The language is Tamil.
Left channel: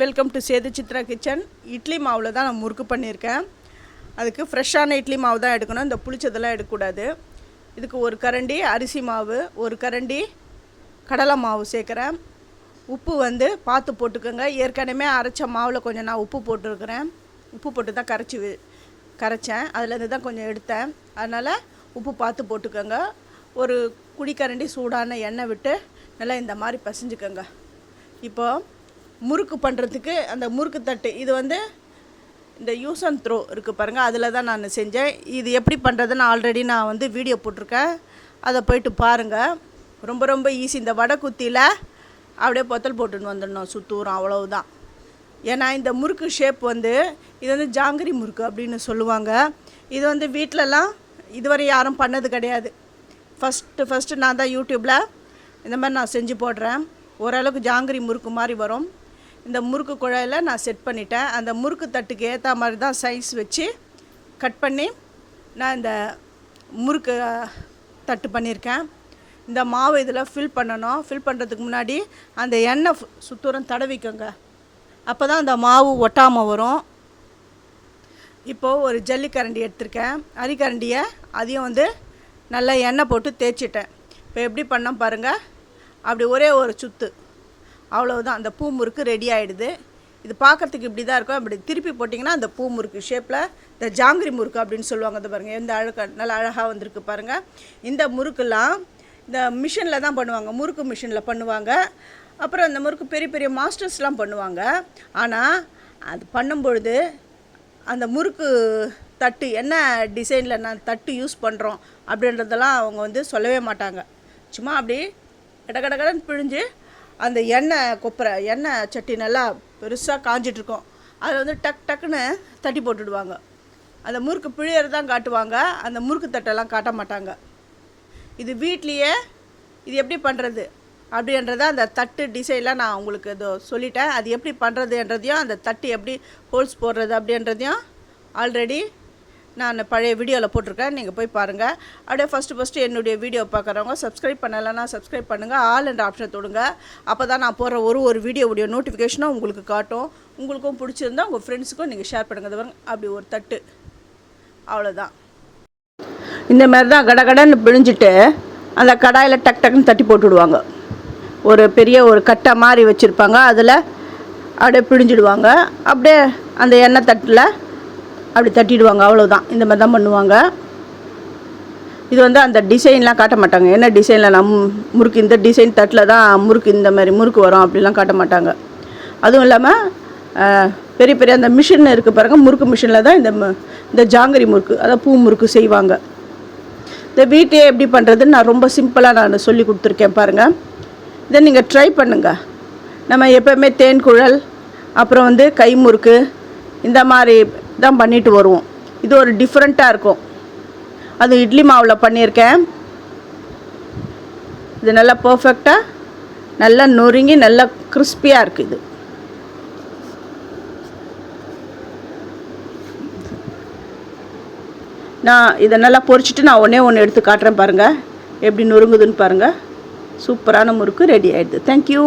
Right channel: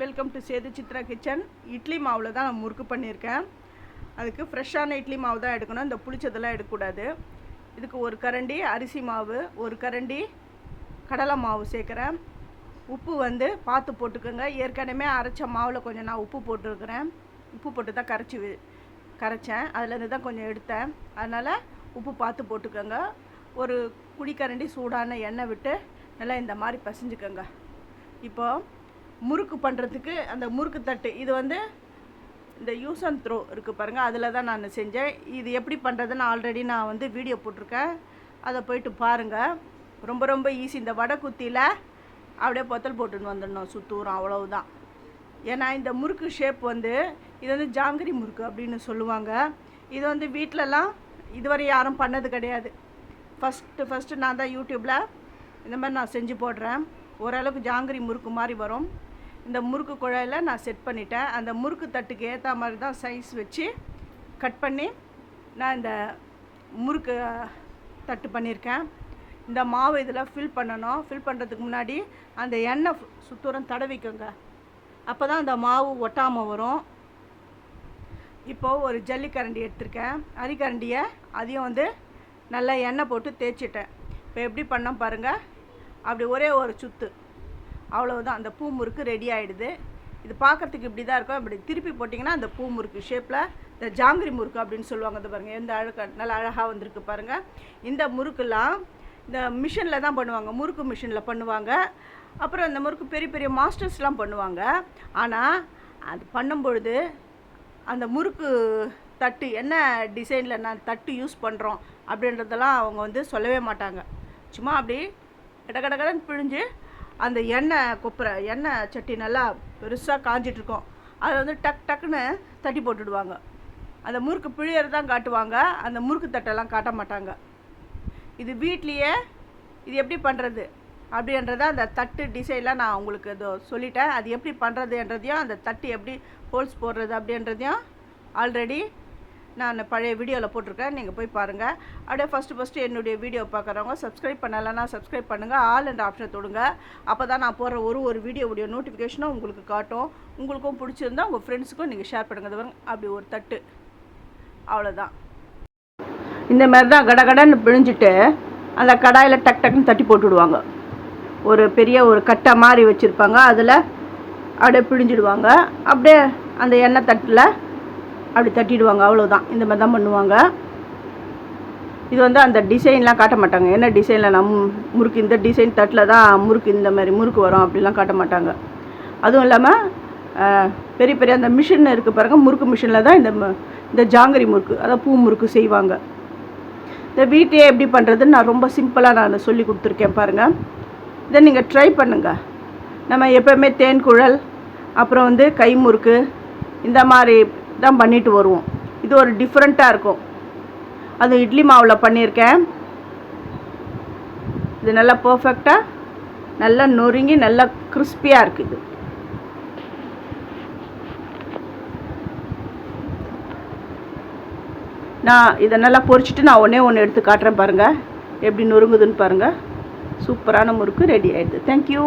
Welcome to Sethu Chitra kitchen. Idli மாவில் தான் நான் முறுக்கு பண்ணியிருக்கேன். அதுக்கு ஃப்ரெஷ்ஷான இட்லி மாவு தான் எடுக்கணும், இந்த புளிச்சதெல்லாம் எடுக்கக்கூடாது. இதுக்கு ஒரு கரண்டி அரிசி மாவு, ஒரு கரண்டி கடலை மாவு சேர்க்குறேன். உப்பு பார்த்து போட்டுக்கோங்க. ஏற்கனவே அரைச்ச மாவில் கொஞ்சம் நான் உப்பு போட்டுருக்கிறேன். உப்பு போட்டு தான் கரைச்சேன். அதுலேருந்து தான் கொஞ்சம் எடுத்தேன். அதனால் உப்பு பார்த்து போட்டுக்கோங்க. ஒரு குடிக்கரண்டி சூடான எண்ணெய் விட்டு நல்லா இந்த மாதிரி பசைஞ்சுக்கோங்க. இப்போது முறுக்கு பண்ணுறதுக்கு அந்த முறுக்கு தட்டு இது இந்த யூஸ் அண்ட் த்ரோ இருக்குது பாருங்கள், அதில் தான் நான் செஞ்சேன். இது எப்படி பண்ணுறதுன்னு ஆல்ரெடி நான் வீடியோ போட்டிருக்கேன், அதை போய்ட்டு பாருங்கள். ரொம்ப ரொம்ப ஈஸி. இந்த வடை குத்தியில் அப்படியே பொத்தல் போட்டுன்னு வந்துடணும், சுத்தூரம், அவ்வளவுதான். ஏன்னா இந்த முறுக்கு ஷேப் இது ஜாங்கிரி முறுக்கு அப்படின்னு சொல்லுவாங்க. இது வீட்டிலலாம் இதுவரை யாரும் பண்ணது கிடையாது. ஃபஸ்ட்டு நான் தான் யூடியூப்பில் இந்த மாதிரி நான் செஞ்சு போடுறேன். ஓரளவுக்கு ஜாங்கிரி முறுக்கு மாதிரி வரும். இந்த முறுக்கு குழாயில் நான் செட் பண்ணிட்டேன். அந்த முறுக்கு தட்டுக்கு ஏற்ற மாதிரி தான் சைஸ் வச்சு கட் பண்ணி நான் இந்த முறுக்கு தட்டு பண்ணியிருக்கேன். இந்த மாவு இதில் ஃபில் பண்ணணும். ஃபில் பண்ணுறதுக்கு முன்னாடி அந்த எண்ணெய் சுத்தூரம் தடவிக்கோங்க. அப்போ தான் அந்த மாவு ஒட்டாமல் வரும். இப்போது ஒரு ஜல்லிக்கரண்டி எடுத்திருக்கேன். அரிக்கரண்டியை அதையும் நல்லா எண்ணெய் போட்டு தேய்ச்சிட்டேன். இப்போ எப்படி பண்ணோம் பாருங்கள். அப்படி ஒரே ஒரு சுற்று, அவ்வளவுதான். அந்த பூ முறுக்கு ரெடி ஆகிடுது. இது பார்க்குறதுக்கு இப்படி தான் இருக்கும். அப்படி திருப்பி போட்டிங்கன்னா அந்த பூ முறுக்கு ஷேப்பில் இந்த ஜாங்கிரி முறுக்கு அப்படின்னு சொல்லுவாங்க. இது பாருங்கள், எந்த நல்லா அழகாக வந்திருக்கு பாருங்கள். இந்த முறுக்கெல்லாம் இந்த மிஷினில் தான் பண்ணுவாங்க, முறுக்கு மிஷினில் பண்ணுவாங்க. அப்புறம் இந்த முறுக்கு பெரிய பெரிய மாஸ்டர்ஸ்லாம் பண்ணுவாங்க. ஆனால் அது பண்ணும்பொழுது அந்த முறுக்கு தட்டு என்ன டிசைனில் நான் தட்டு யூஸ் பண்ணுறோம் அப்படின்றதெல்லாம் அவங்க சொல்லவே மாட்டாங்க. சும்மா அப்படி கடகடன்னு பிழிஞ்சு அந்த எண்ணெய் சட்டி நல்லா பெருசாக காஞ்சிட்ருக்கோம். அதை டக்குன்னு தட்டி போட்டுடுவாங்க. அந்த முறுக்கு பிழியறது தான் காட்டுவாங்க, அந்த முறுக்கு தட்டெல்லாம் காட்ட மாட்டாங்க. இது வீட்லேயே இது எப்படி பண்ணுறது அப்படின்றத அந்த தட்டு டிசைனில் நான் உங்களுக்கு இதோ சொல்லிட்டேன். அது எப்படி பண்ணுறதுன்றதையும் அந்த தட்டு எப்படி ஹோல்ஸ் போடுறது அப்படின்றதையும் ஆல்ரெடி நான் பழைய வீடியோவில் போட்டிருக்கேன், நீங்கள் போய் பாருங்கள். அப்படியே ஃபஸ்ட்டு என்னுடைய வீடியோ பார்க்குறவங்க சப்ஸ்கிரைப் பண்ணலைன்னா சப்ஸ்கிரைப் பண்ணுங்கள். ஆல் என்ற ஆப்ஷன் தொடுங்க. அப்போ தான் நான் போடுற ஒரு வீடியோவுடைய நோட்டிஃபிகேஷனும் உங்களுக்கு காட்டும். உங்களுக்கும் பிடிச்சிருந்தா உங்கள் ஃப்ரெண்ட்ஸுக்கும் நீங்கள் ஷேர் பண்ணுங்கள். அது அப்படி ஒரு தட்டு, அவ்வளோதான். இந்த மாதிரி தான் கடகடன்னு பிழிஞ்சிட்டு அந்த கடாயில் டக்குன்னு தட்டி போட்டுவிடுவாங்க. ஒரு பெரிய ஒரு கட்டை மாதிரி வச்சுருப்பாங்க, அதில் அப்படியே பிழிஞ்சிடுவாங்க. அப்படியே அந்த எண்ணெய் தட்டில் அப்படி தட்டிடுவாங்க, அவ்வளோதான். இந்த மாதிரி தான் பண்ணுவாங்க. இது அந்த டிசைன்லாம் காட்ட மாட்டாங்க. என்ன டிசைனில் முறுக்கு இந்த டிசைன் தட்டில் தான் முறுக்கு இந்த மாதிரி முறுக்கு வரும் அப்படிலாம் காட்ட மாட்டாங்க. அதுவும் இல்லாமல் பெரிய பெரிய அந்த மிஷின் இருக்குது பாருங்கள், முறுக்கு மிஷினில் தான் இந்த ஜாங்கிரி முறுக்கு, அதாவது பூ முறுக்கு செய்வாங்க. இந்த வீட்டையே எப்படி பண்ணுறதுன்னு நான் ரொம்ப சிம்பிளாக நான் சொல்லி கொடுத்துருக்கேன் பாருங்கள். இதை நீங்கள் ட்ரை பண்ணுங்கள். நம்ம எப்போவுமே தேன் குழல், அப்புறம் கை முறுக்கு, இந்த மாதிரி தான் பண்ணிட்டு வருவோம். இது ஒரு டிஃப்ரெண்ட்டாக இருக்கும். அது இட்லி மாவில் பண்ணியிருக்கேன். இது நல்லா பர்ஃபெக்டாக நல்லா நொறுங்கி நல்லா கிறிஸ்பியாக இருக்குது. நான் இதை நல்லா பொரிச்சிட்டு நான் ஒன்று எடுத்து காட்டுறேன் பாருங்கள், எப்படி நொறுங்குதுன்னு பாருங்கள். சூப்பரான முறுக்கு ரெடி ஆகிடுது. தேங்க்யூ.